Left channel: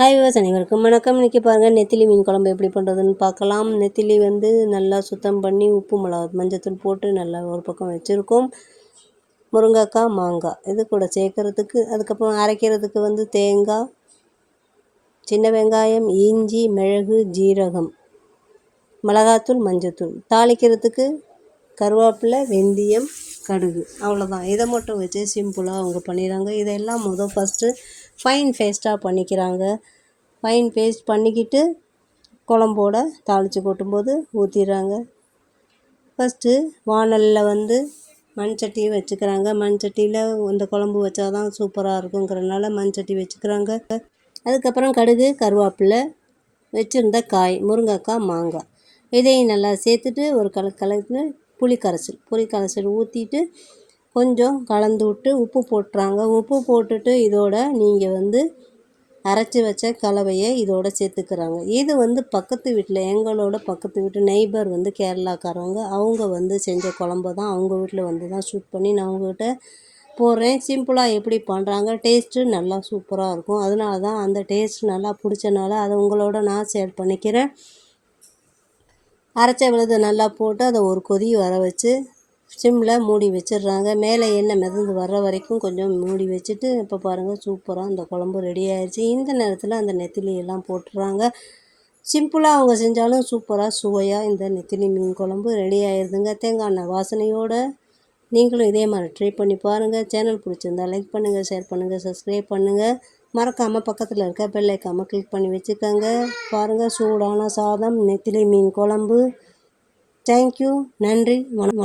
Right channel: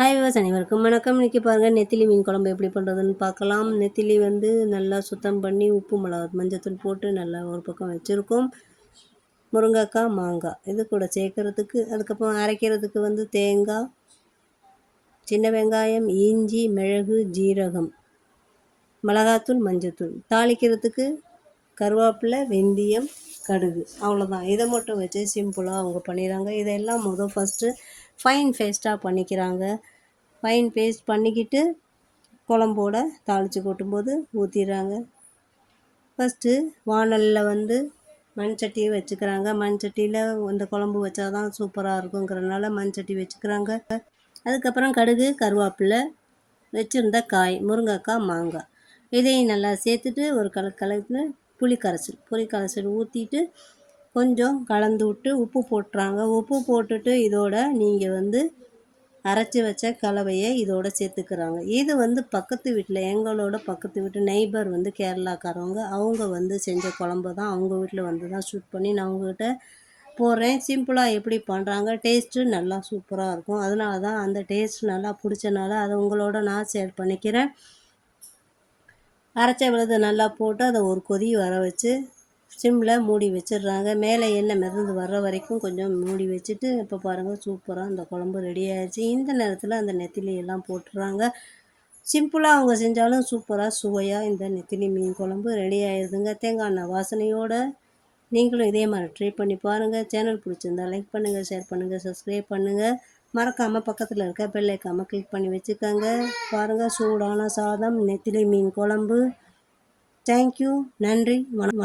Hi விவாஸ் அனைவருக்கும் வணக்கம். இன்றைக்கி பாருங்கள் நெத்திலி மீன் குழம்பு எப்படி பண்ணுறதுன்னு பார்க்கலாம். நெத்திலி வந்து நல்லா சுத்தம் பண்ணி உப்பு மிளகா மஞ்சத்தூள் போட்டு நல்லா ஒரு பக்கம் வச்சுருக்கோம். முருங்கைக்காய் மாங்காய். இது கூட சேர்க்குறதுக்கு அதுக்கப்புறம் அரைக்கிறதுக்கு வந்து தேங்காய் சின்ன வெங்காயம் இஞ்சி மிளகு ஜீரகம் மிளகாத்தூள் மஞ்சத்தூள். தாளிக்கிறதுக்கு கருவேப்பிலை வெந்தயம் கடுகு. அவ்வளோதான் இதை மட்டும் வச்சு சிம்பிளாக அவங்க பண்ணிடுறாங்க. இதெல்லாம் முதல் ஃபஸ்ட்டு ஃபைன் பேஸ்ட்டாக பண்ணிக்கிறாங்க. ஃபைன் பேஸ்ட் பண்ணிக்கிட்டு குழம்போட தாளித்து கொட்டும்போது ஊற்றிடுறாங்க ஃபஸ்ட்டு வானலில் வந்து மண் சட்டி வச்சுக்கிறாங்க. மண் சட்டியில் இந்த குழம்பு வச்சா தான் சூப்பராக இருக்குங்கிறனால மண் சட்டி வச்சுக்கிறாங்க. அதுக்கப்புறம் கடுகு கருவேப்பிலை வச்சுருந்த காய் முருங்கைக்காய் மாங்காய். இதையும் நல்லா சேர்த்துட்டு ஒரு கல கலந்து புளி கரைசல் புளி கரைசல் ஊற்றிட்டு கொஞ்சம் கலந்து விட்டு உப்பு போட்டுறாங்க. உப்பு போட்டுட்டு இதோட நீங்கள் வந்து அரைச்சி வச்ச கலவையை இதோட சேர்த்துக்கிறாங்க. இது வந்து பக்கத்து வீட்டில் எங்களோட பக்கத்து வீட்டு நெய்பர் வந்து கேரளாக்காரவங்க. அவங்க வந்து செஞ்ச குழம்பு தான் அவங்க வீட்டில் வந்து தான் ஷூட் பண்ணி நான் அவங்ககிட்ட போடுறேன். சிம்பிளாக எப்படி பண்ணுறாங்க டேஸ்ட்டு நல்லா சூப்பராக இருக்கும். அதனால தான் அந்த டேஸ்ட் நல்லா பிடிச்சனால அதை உங்களோட நான் ஷேர் பண்ணிக்கிறேன். அரைச்ச விழுது நல்லா போட்டு அதை ஒரு கொதி வர வச்சு சிம்மில் மூடி வச்சிடுறாங்க. மேலே எண்ணெய் மிதந்து வர்ற வரைக்கும் கொஞ்சம் மூடி வச்சுட்டு இப்போ பாருங்கள் சூப்பராக அந்த குழம்பு ரெடி ஆயிடுச்சு இந்த நேரத்தில் அந்த நெத்திலி எல்லாம் போட்டுடுறாங்க சிம்பிளாக அவங்க செஞ்சாலும் சூப்பராக சுவையாக இந்த நெத்திலி மீன் குழம்பு ரெடி ஆயிடுதுங்க தேங்காய் எண்ணெய் வாசனையோடு நீங்களும் இதே மாதிரி ட்ரை பண்ணி பாருங்கள் சேனல் பிடிச்சிருந்தா லைக் பண்ணுங்கள் ஷேர் பண்ணுங்கள் சப்ஸ்கிரைப் பண்ணுங்கள் மறக்காமல் பக்கத்தில் இருக்க பெல்லைக்காமல் கிளிக் பண்ணி வச்சுக்கோங்க. பாருங்கள் சூடான சாதம் நெத்திலி மீன் குழம்பு. தேங்க்யூ நன்றி. வணக்கம்.